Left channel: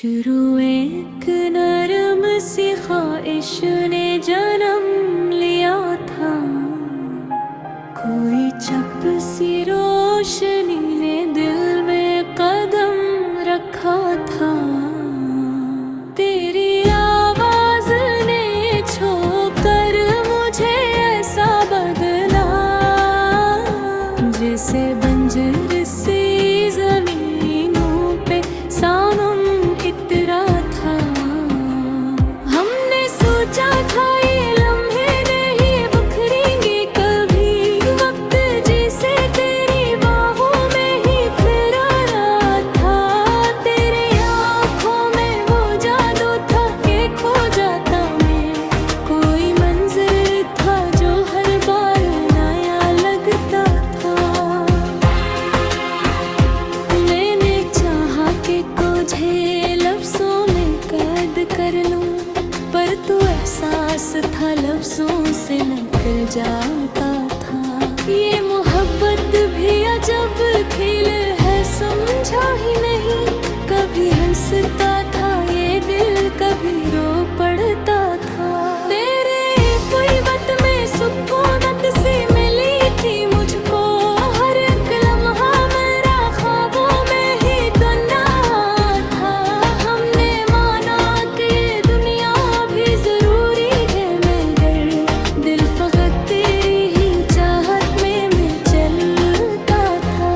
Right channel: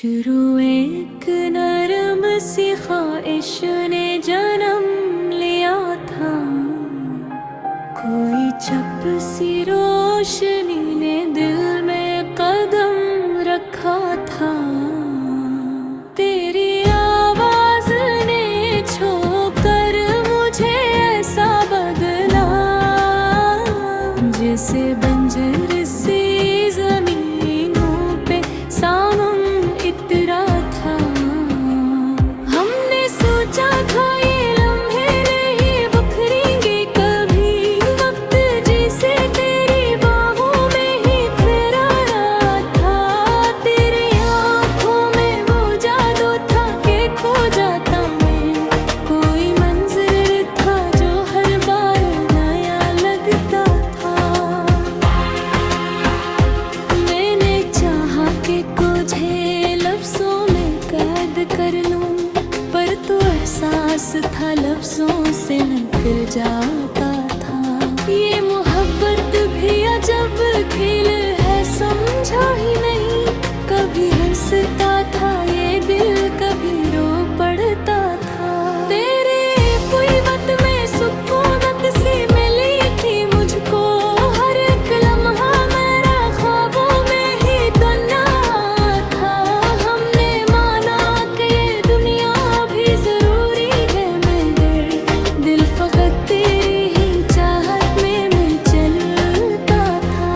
शुरू एक नरम सी ख्वाहिश ने जन्म लिया था। कोई चप सी रोशनी ने दिल में कदम रखा था। तेरी आवाज ने छोकर मुझे ऐसा बदला, जैसे बंजर सी जमीनों पे सामन इतरा था। हमने सोचा था ये लम्हे नहीं बिखरेंगे कभी, वक्त जिसे तेरी बाहों में ही ठहरा था। तेरी आँखों में वो जादू था कि खो जाता मैं। कोई मंजर था जो हर बार नया लगता था। मैंने चाहा कि तुझे लफ्ज़ों में कैद कर लूं, पर तो एहसास था लफ्ज़ों से निकल जाता था। ये मोहब्बत भी अजब खेल है, समझा ही नहीं। कभी हंसता था ये दिल, कभी रो पड़ता था। तेरे पुइबत में सुकूनत सी मिली थी मुझको, हर एक लम्हा मेरा ख्वाबों में ही दुनिया था। हमने माना कि ये दुनिया भी जरूरी है, मगर दिल फकत तेरी ही चाहत में मैं चलता था।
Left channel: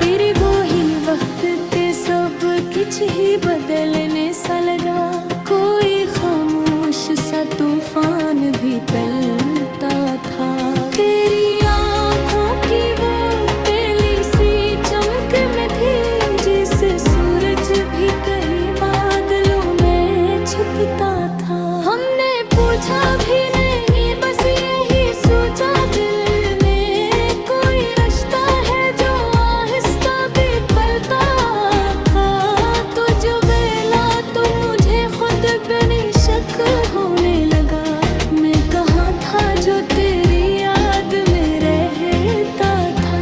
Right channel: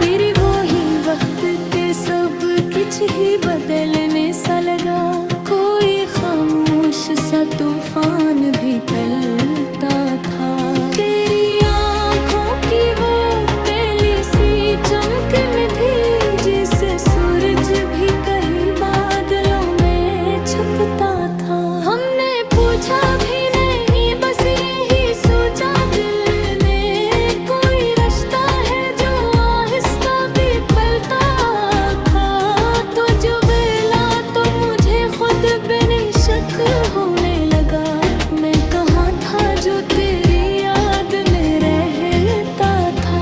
तेरे वो ही वक्त ते सब कुछ ही बदलने सा लगा। कोई खामोश सा तूफान भी टलता था। तेरी आँखों की वो पहली सी चमक में थी, जिससे सूरज भी कहीं बादलों में छुपता था। हमने पूछा भी नहीं, बस यही सोचा दिल ने, कोई रास्ता है जो आहिस्ता भी पलता था। तो जो बेला तो मुझे खुद बिन शक होने लगा, मैं कहाँ था जो तेरी याद में रहता था।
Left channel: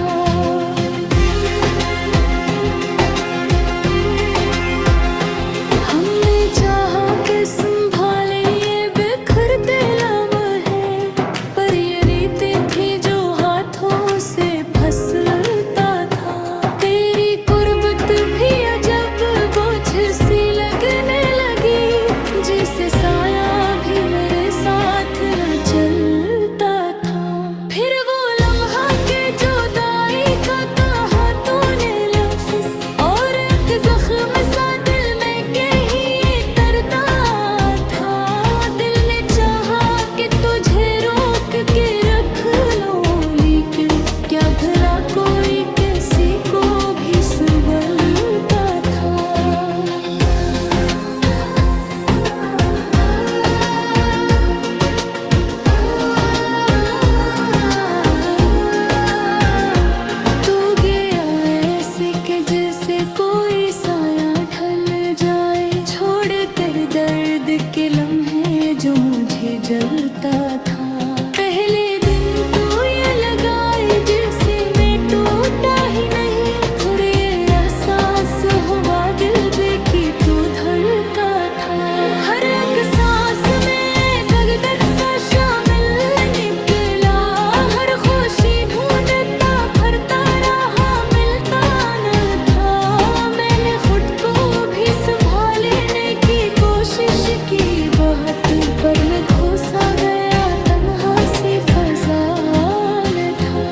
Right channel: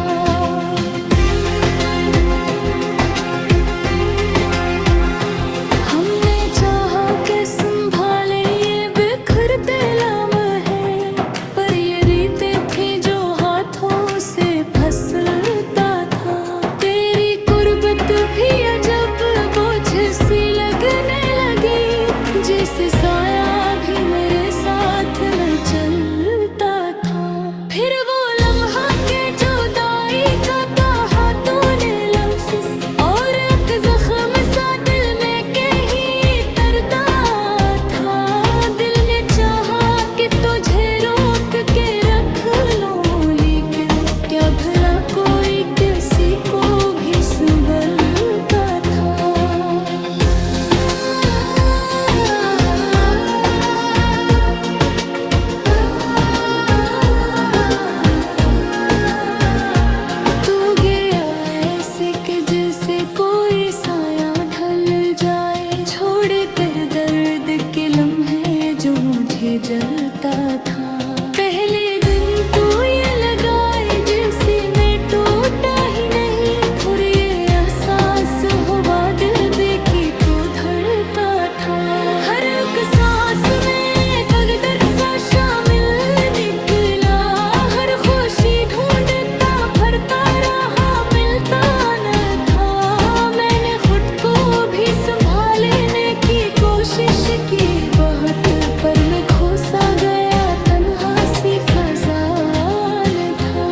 हमने चाहा कि संभाले ये बिखरते लम्हे, पर ये रीतें थी जो हाथों से फिसलता था। तेरी कुर्बत भी अजब बोझ सी लगने लगी, जैसे साया भी मेरे साथ न चलता था। फिर वो लम्हा के जुदाई का कहा तूने लफ्ज़, और एक जख्म सा दिल में कहीं तरता था। दिल ने चाहा कि तुझे रोक के रख लो, लेकिन क्या भला कोई किसी को भी संभलता था। तू गया ऐसे कि जैसे कोई साया ढल जाए, छोड़ कर दर्द के लम्हे जो मुझे जलता था। पहले दिन तो ये लगाए जैसे मैं टूटा ही नहीं, फिर ये एहसास हुआ दिल देखी तो धड़का था। हर एक सांस में दर्द सा शामिल निकला, हर खुशी ढूंढता फिरता रहा, मिलता न था। मैंने खुद को भी संभालने की कोशिश की बहुत, पर मैं खो सा गया तन्हा सी फज़ा न था।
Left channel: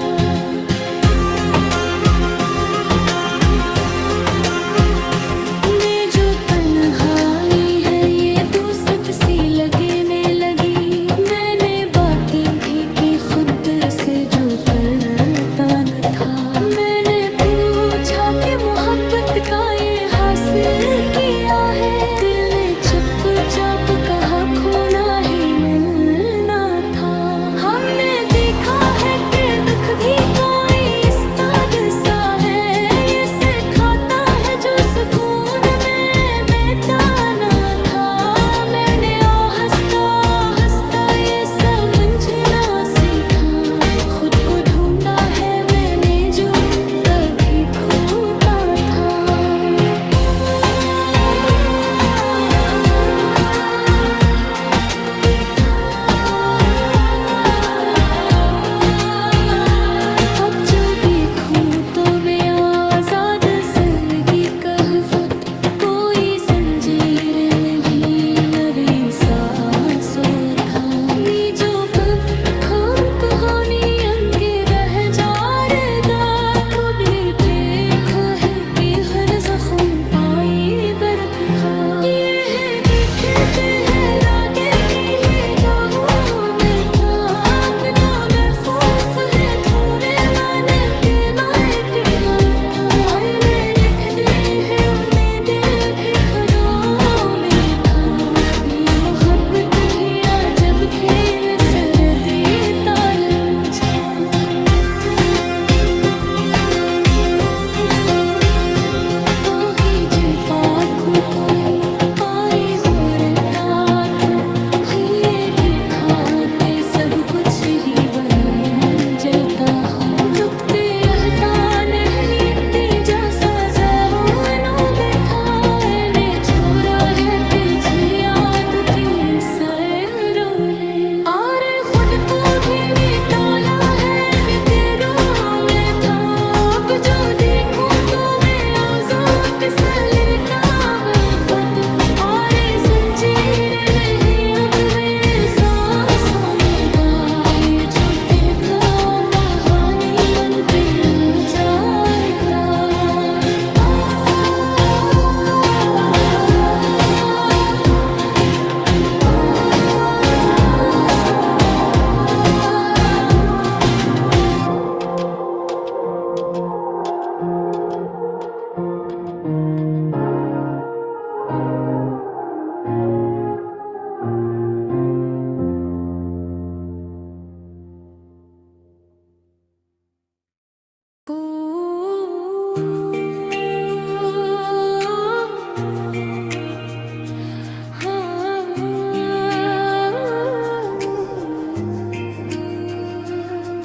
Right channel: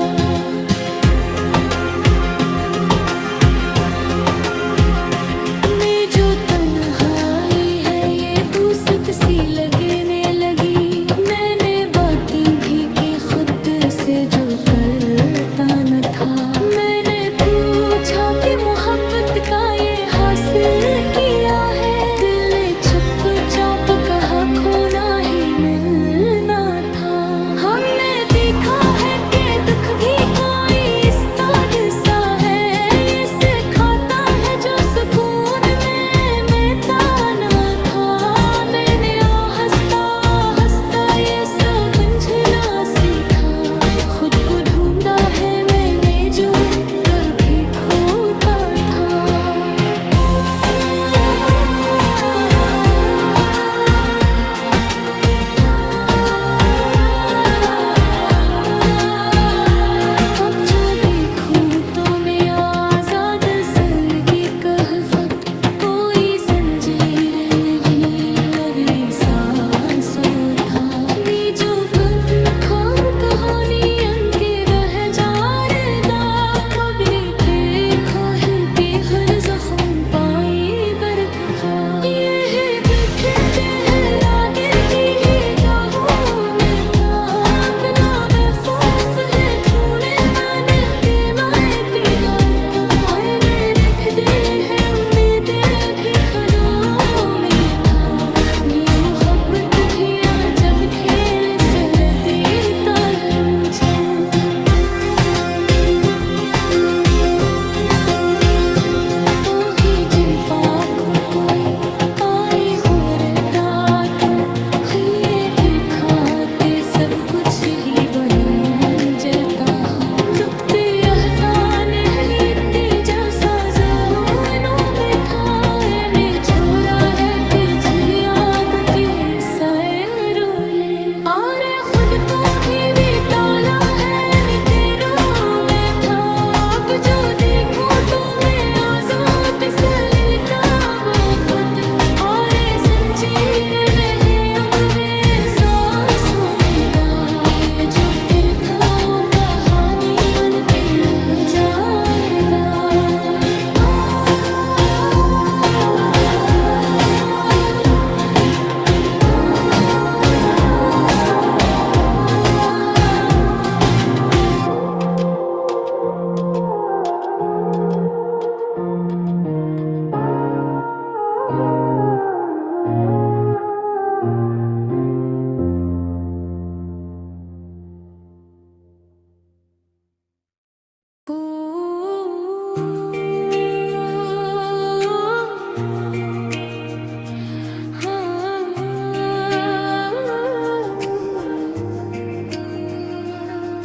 मैं जो तन्हाई है ये दूसत सी लगने लगी। मैंने बातें भी की खुद से जो करता न था। मैंने पूछा कि मोहब्बत का ये हासिल किया है, दिल ने चुपचाप कहा खोना ही मिलना था। हमने देखा है कि दुख भी कोई इस तरह सा है, ये सिखाता है जो सुकून में मैं ताना था। मैंने आहिस्ता आहिस्ता ये था। ये जो खूब कहानी अंके रह जा रे दा, कबरे पे खोहे के हर जख्म पाए दर्द था। ये है बिखरते हैं रागे की है गाहों में था, अपना महफूफ है तूने माने के नाए दीदार था। आईने लिख दे है उम्मीदें भी घरों में था, ये मोहब्बत भी आ जब खेल सरदी तारे मुझे। कोई आई हो रता था, ये दिखाते सब कुछ ही बनूं जलता हूँ। डूबते अहताने रीति जैसा ज़हनों में था, मैंने छोड़ा है पीछे याद के सैरोले। और खुद को भी ताला है मितेरों में था, अब जो देखूं तो मैं आज़ाद सलिल का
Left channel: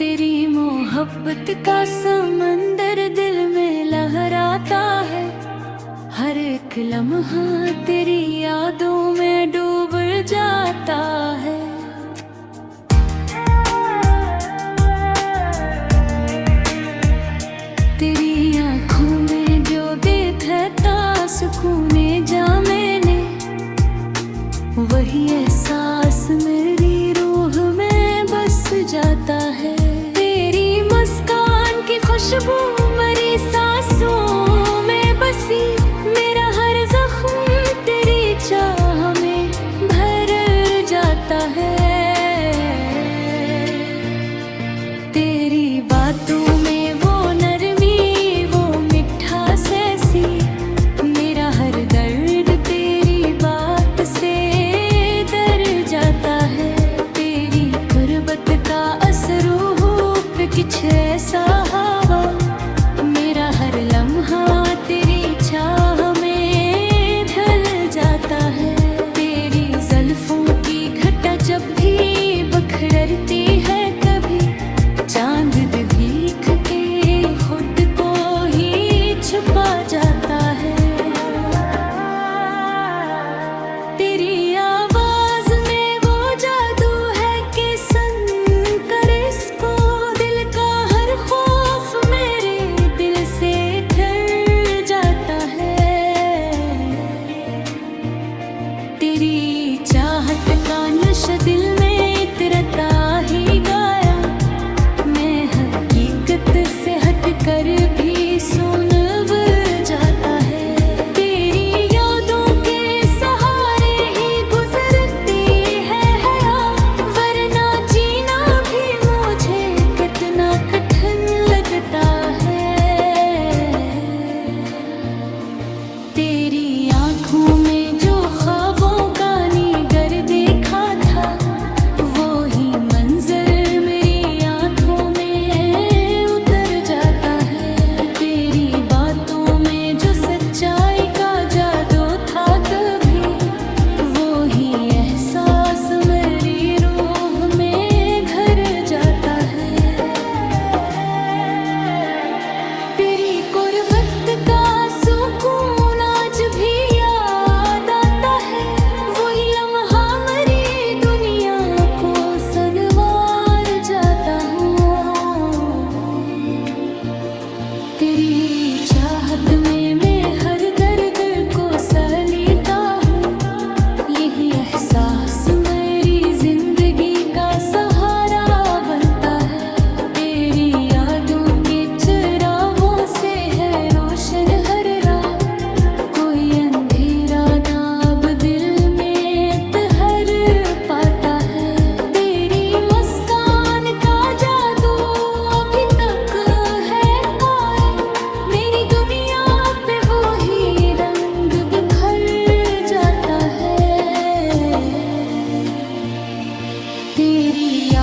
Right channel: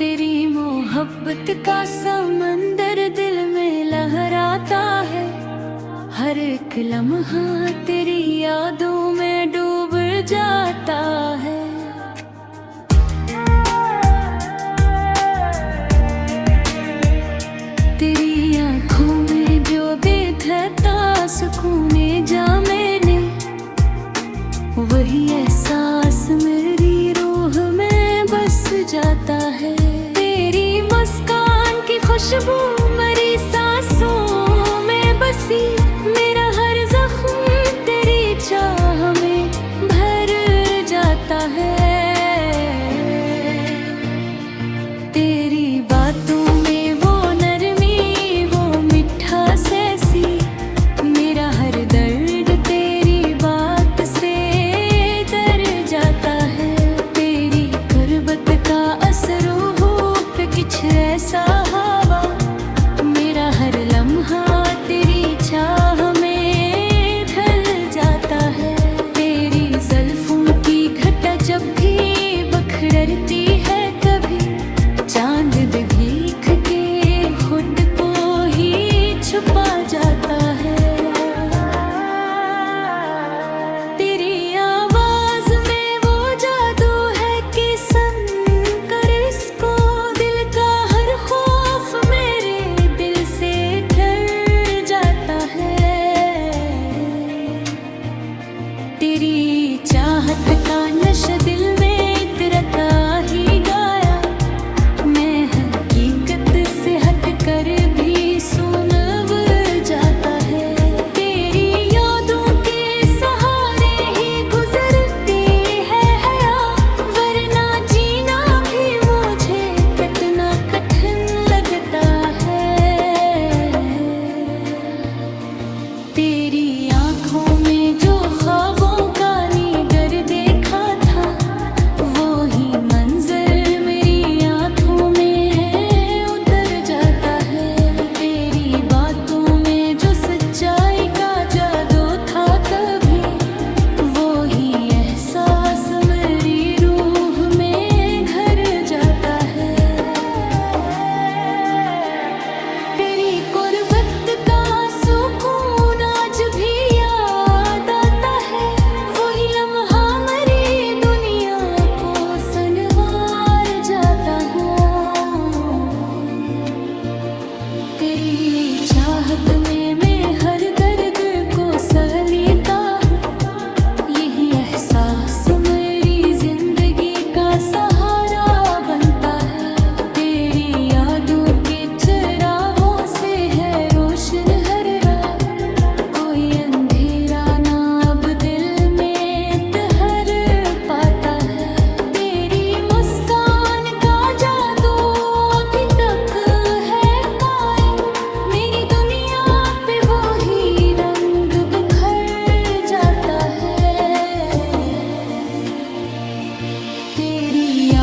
तेरी मोहब्बत का समंदर दिल में लहराता है, हर एक लम्हा तेरी यादों में डूब जाता है। तेरी आँखों में जो देखता सुकूने जा मैंने, वही एहसास मेरी रूह में बस जाता है। तेरी मुस्कान की खुशबू मेरी सांसों में बसी, मेरा हर जख्म तेरी चाह में भर जाता है। तेरी बातों में वो नरमी वो मिठास ऐसी, मेरा हर दर्द तेरी बात से डर जाता है। तेरी गुर्बत का असर रूह पे कुछ ऐसा हवा, मेरा हर लम्हा तेरी चाह में ढल जाता है। तेरी ज़ुल्फ़ों की घटा जब भी बखरती है, कभी चांद भीख के खुद को ही छुपा जाता है। तेरी आवाज में वो जादू है कि सन कर इसको, दिल का हर खौफ मेरे दिल से डर जाता है। तेरी चाहत का नशा दिल में इतरता ही गाया, मैं हकीकत से हट कर भी सुन जाता है।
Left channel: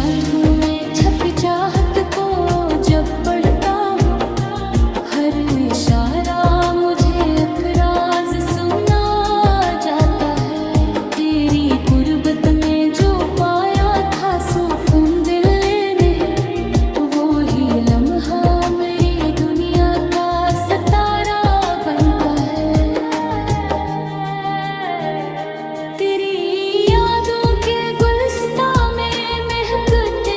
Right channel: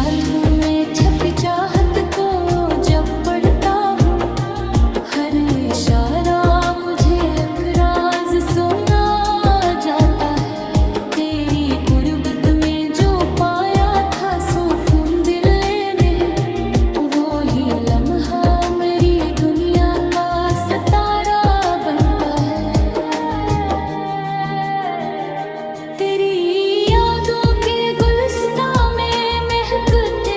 हाथों में छपी चाहत को जब पढ़ता हूँ, हर इशारा मुझे एक राज सुना जाता है। तेरी गुर्बत में जो पाया था सुकून दिल ने, वो ही लम्हा मेरी दुनिया का सितारा बनता है। तेरी यादों के गुलिस्तां में महकते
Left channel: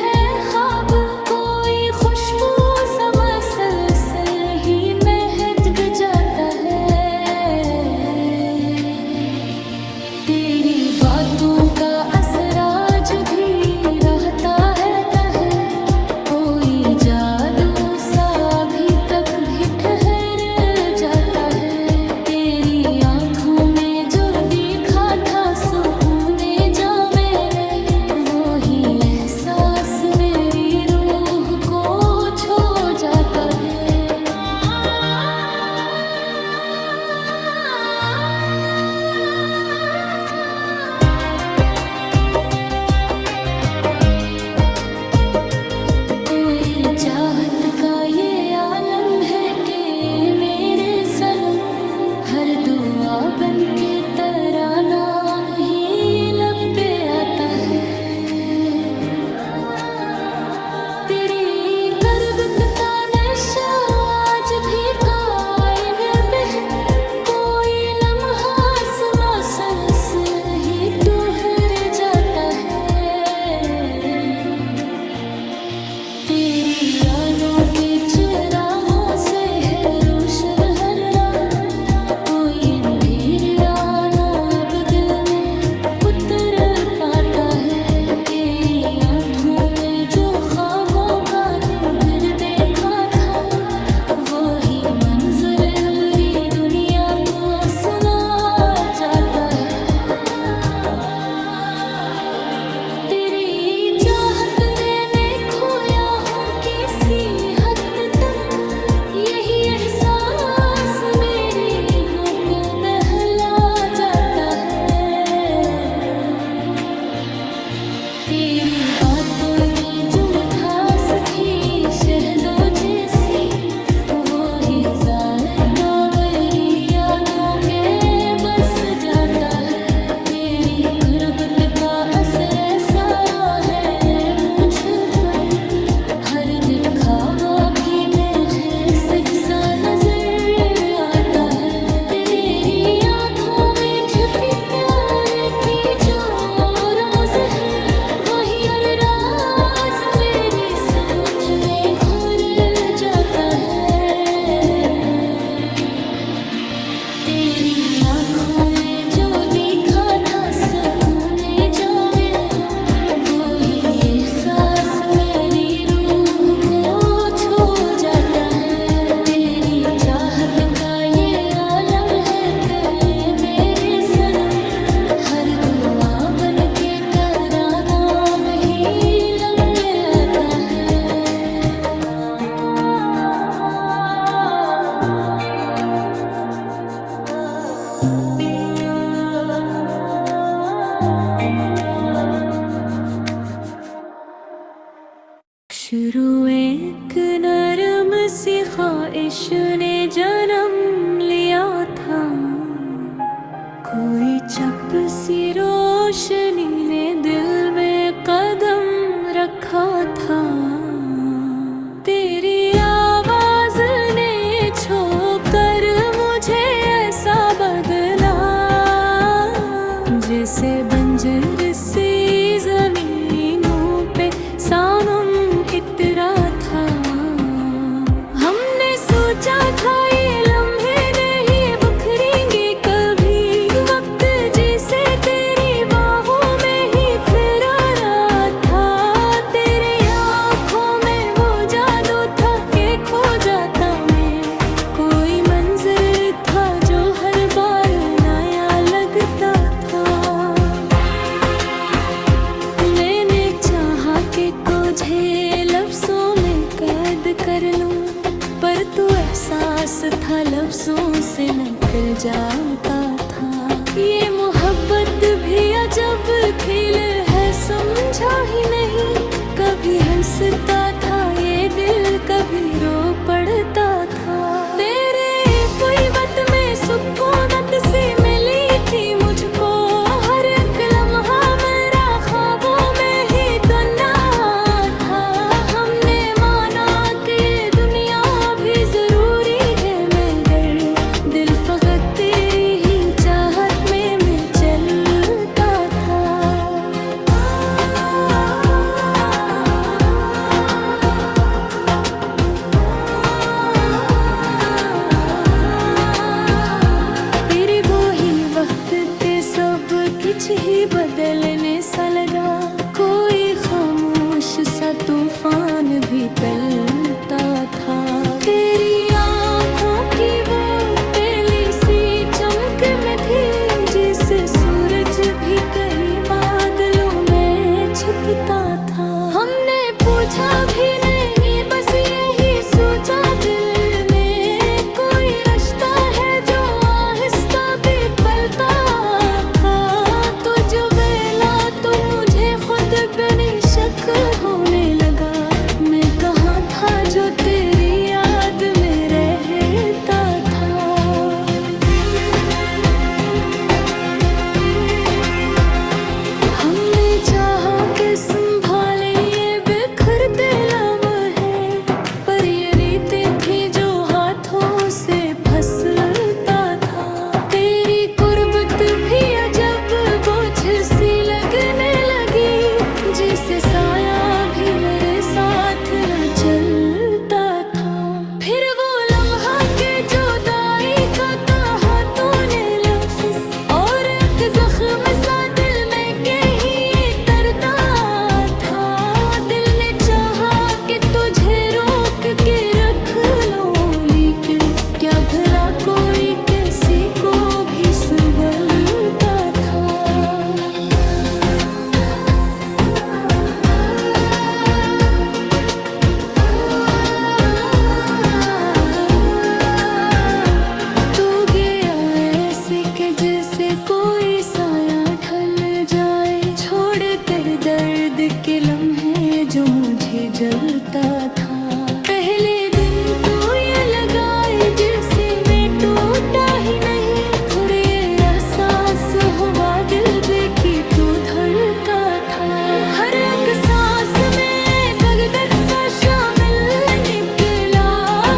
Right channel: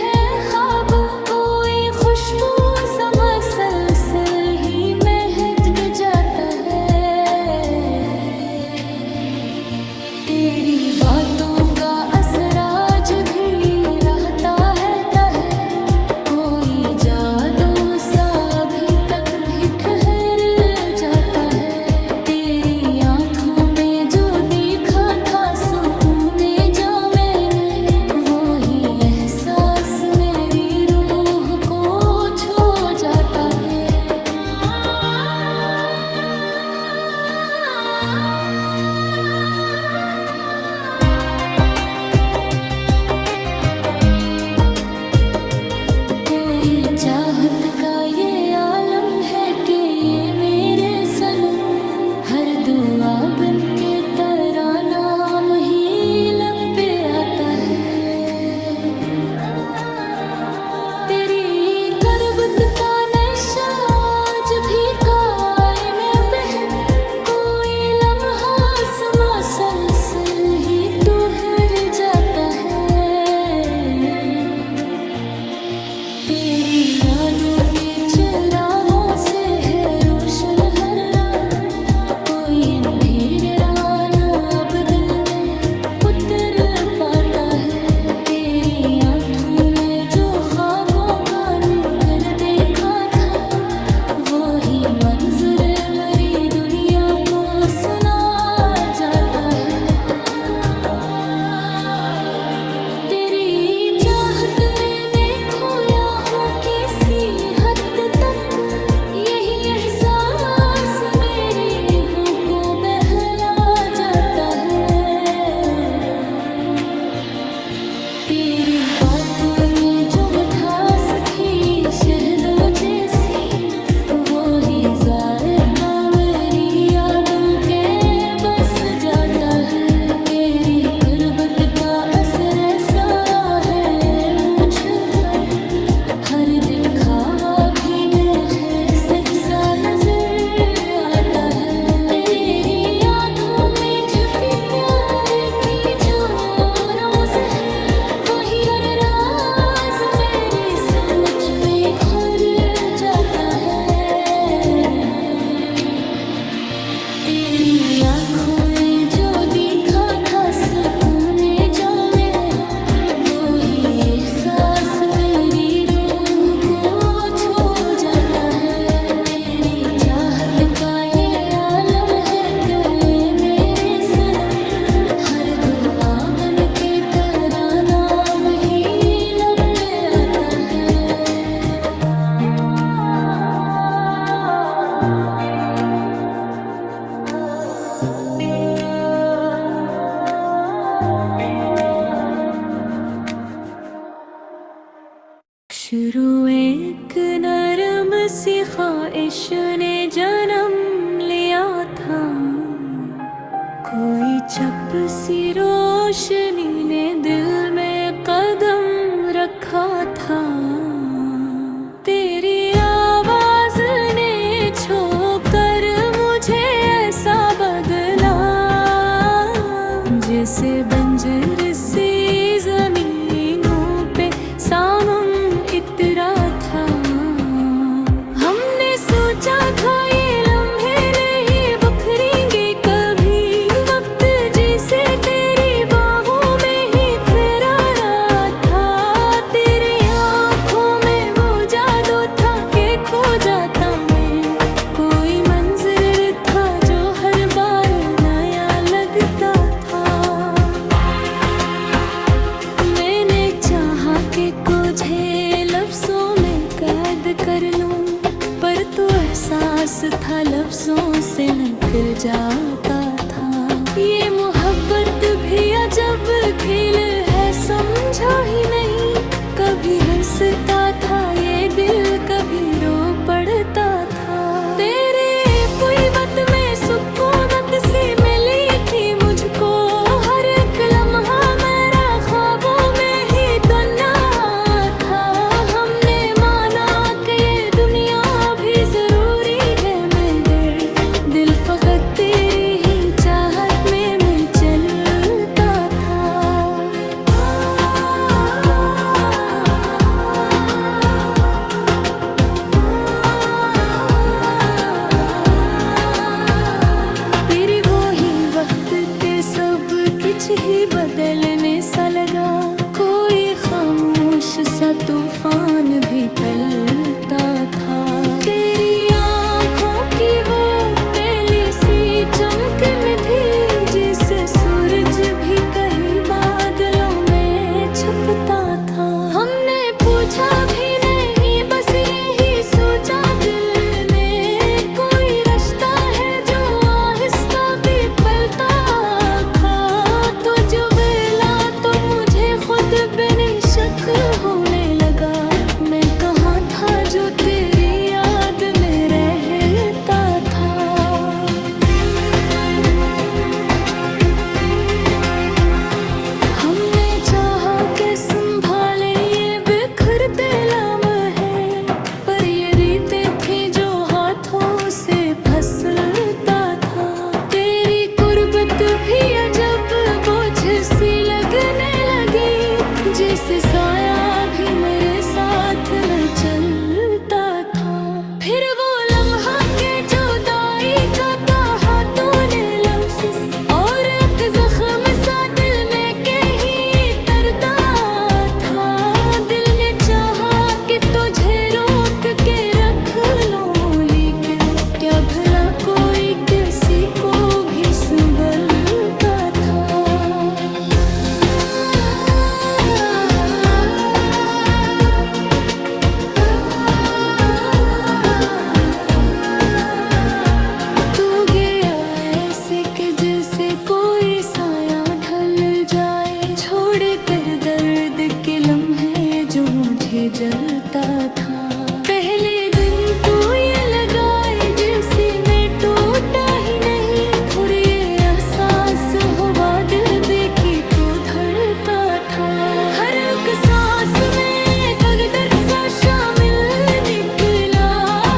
हैं ख्वाब, कोई खुशबू सा मसलसल ही महक जाता है। तेरी बातों का असर आज भी रहता है तहे, कोई जादू सा अभी तक भी ठहर जाता है। तेरी आंखों में जो देखा था सुकूने जा मैंने, वो ही एहसास मेरी रूह को छू जाता है। कोई चाहत का ये आलम है कि मेरे सनम, हर दुआ बन के तेरा नाम ही लब पे आता है। तेरी करबत का नशा आज भी कायम है बहर, कोई लम्हा मसलसल ही ठहर जाता है। तेरी यादों के चिरागों से है रोशन हर रात, कोई अंधेरे राना अब दिल में उतर पाता है। तेरी आंखों में जो ख्वाबों का निगर देखा था, वो ही मंजर मरी दुनिया को सुना जाता है। तेरी चाहत में मैं खोया हूँ किसी हद तक, यही एहसास मेरी हों को बहला जाता है। तेरी बातों में जो मिठास थी शहदों जैसी, वो ही जायका मेरी यादों के बस जाता है। तेरी गुर्बत का असर ऐसा है मुझ पर, हर दिखावा भी मुझे सच्चा नजर आता है। तेरी आंखों में छुपी प्यार की जो रोज़ है, वही हर राज मेरी सोच में घुर जाता है। तेरी आंखों में जो दिखा था सुकूने जा मेरा, वो ही एहसास मेरी रूह को छू जाता है। तेरी चाहत का ये आलम है कि मेरे सनम, हर दुआ बन के तेरा नाम ही लब पे आता है। शुरू एक नरम सी ख्वाहिश ने जन्म लिया था, कोई चप सी रोशनी ने दिल में कदम रखा था। तेरी आवाज ने छोकर मुझे ऐसा बदला, जैसे बंजर सी जमीनों पे सानम इतरा था। हमने सोचा था ये लम्हे नहीं बखरेंगे कभी, वक्त जिसे तेरी बाहों में ही ठहरा था। तेरी आंखों में वो जादू था कि खो जाता मैं, कोई मंजर था जो हर बार नया लगता था। मैंने चाहा कि तुझे लफ्जों में कैद कर लूं, पर तो एहसास था लफ्जों से निकल जाता था। ये मोहब्बत भी अजब खेल है समझा ही नहीं, हंसता था ये दिल कभी रो पड़ता था। तेरे पूर्वत में सुकूनत सी मिली थी मुझको, हर एक लम्हा मेरा ख्वाबों में ही तो ना था। हमने माना कि ये दुनिया भी जरूरी है, मगर दिल फकत तेरी ही चाहत में मैं चलता था। तेरी वो ही वक्त के सब कुछ ही बदलने सा लगा, कोई खामोश सा तूफान भी पलता था। तेरी आँखों की वो पहली सी चमकन थी, जिससे सूरज भी कहीं बादलों में छुपता था। हमने पूछा भी नहीं, बस यही सोचा दिल ने, कोई रास्ता है जो आहिस्ता भी पलता था। तो जो वेला तो मुझे खुद बिन शक होने लगा, मैं कहाँ था जो तेरी याद में रहता था। हमने चाहा कि संभाले ये बिखरते लम्हे, पर ये रीतें थी जो हाथों से फिसलता था। तेरी कुर्बत भी अजब बोझ सी लगने लगी, जिससे साया भी मेरे साथ न चलता था। फिर वो लम्हा के जुदाई का कहा तूने लफ्ज़, और एक जख्म सा दिल में कहीं तरता था। दिल ने चाहा कि तुझे रोक के रख लो, लेकिन क्या भला कोई किसी को भी संभलता था। तू गया ऐसे कि जैसे कोई साया ढल जाए, छोड़ कर दर्द के लम्हे जो मुझे जलता था। पहले दिन तो ये लगाए जैसे मैं टूटा ही नहीं, फिर ये एहसास हुआ दिल देखी तो धड़का था। हर एक सांस में दर्द सा शामिल निकला,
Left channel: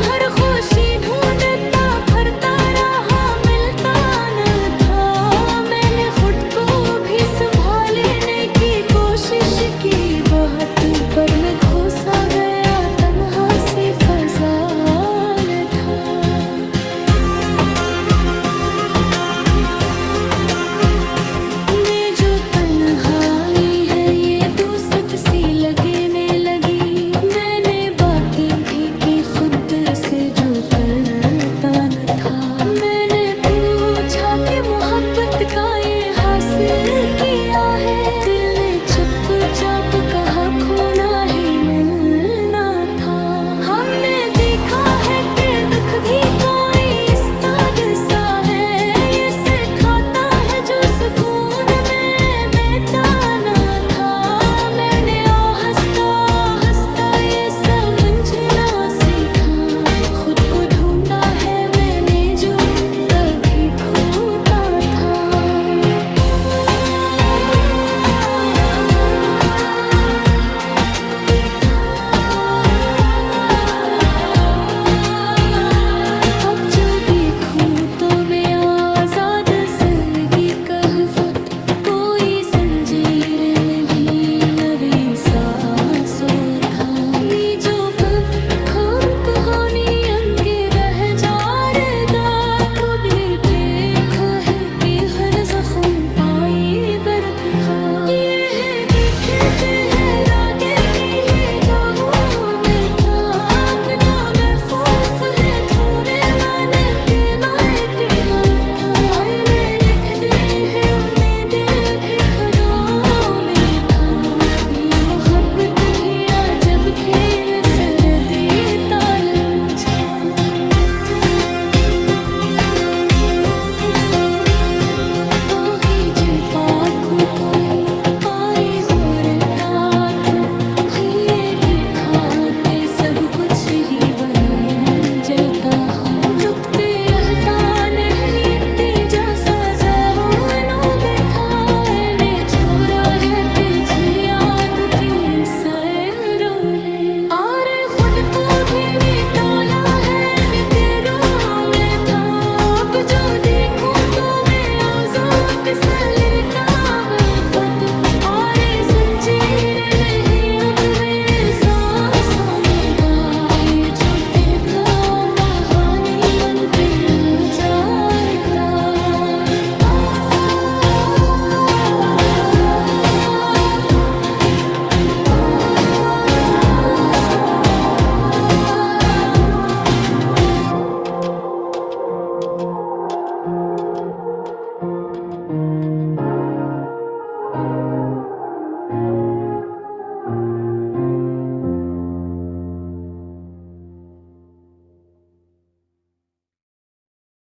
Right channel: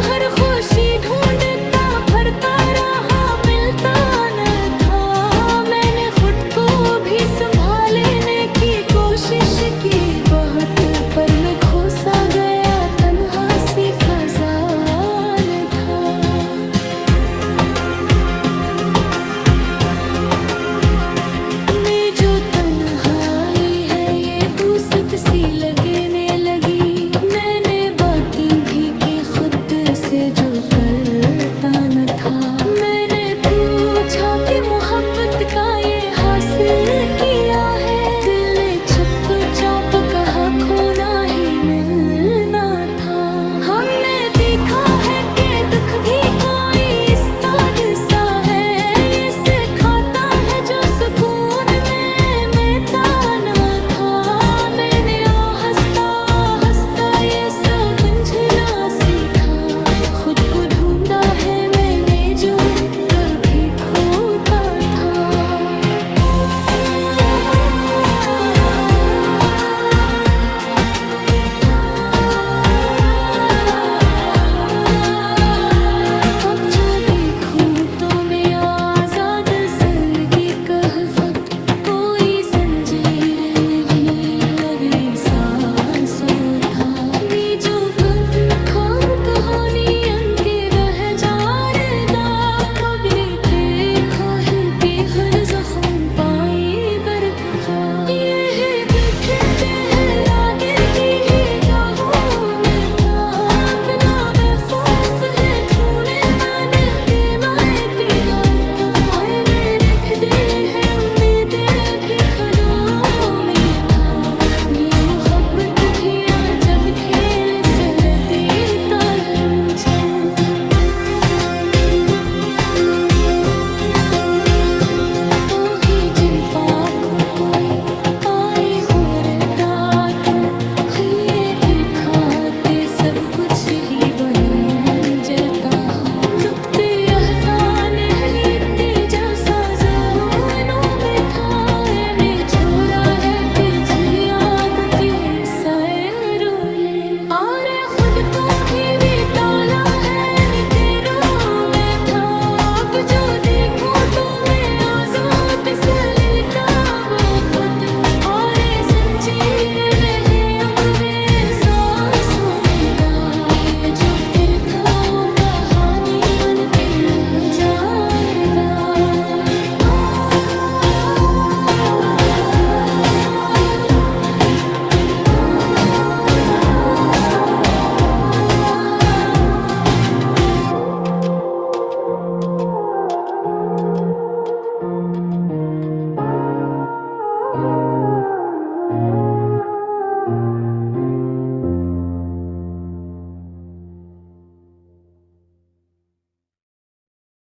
हर खुशी ढूंढता फिरता रहा मिलता न था। मैंने खुद को भी संभालने की कोशिश की बहुत, पर मैं खो सा गया तन्हा सी फजा न था। मैं जो तन्हाई है ये दूसत सी लगने लगी, मैंने बातें भी की खुद से जो करता न था। मैंने पूछा कि मोहब्बत का ये हासिल किया है, दिल ने चुपचाप कहा खोना ही मिलना था। हमने देखा है कि दुख भी कोई इस्ताद सा है, ये सिखाता है जो सुकून में मिलता न था। मैंने आहिस्ता आहिस्ता ये समझना सीखा, खुद को ढूंढा है मैंने जो कभी खोता था। अब जो देखूं तो मैं आजाद सर की कहफत, कोई संजीर नहीं लगी सांसों था। ये जो बदखोर कहानी अंके रह जा रदा, कभी देखो है कि हर जख्म पाई दर्द था। ये है बिखरते हैं रागे की है गाहों में था, अपना बेखौफ है तूने माने के लाए दीदार था। आईने रखते हैं उम्मीदें भी खराओं में था, ये मोहब्बत भी अजब कुछ ही बनूं जलता हूँ डूबते रहता नहीं तीजा साजाओं में था ने छोड़ा है तुझे याद के साए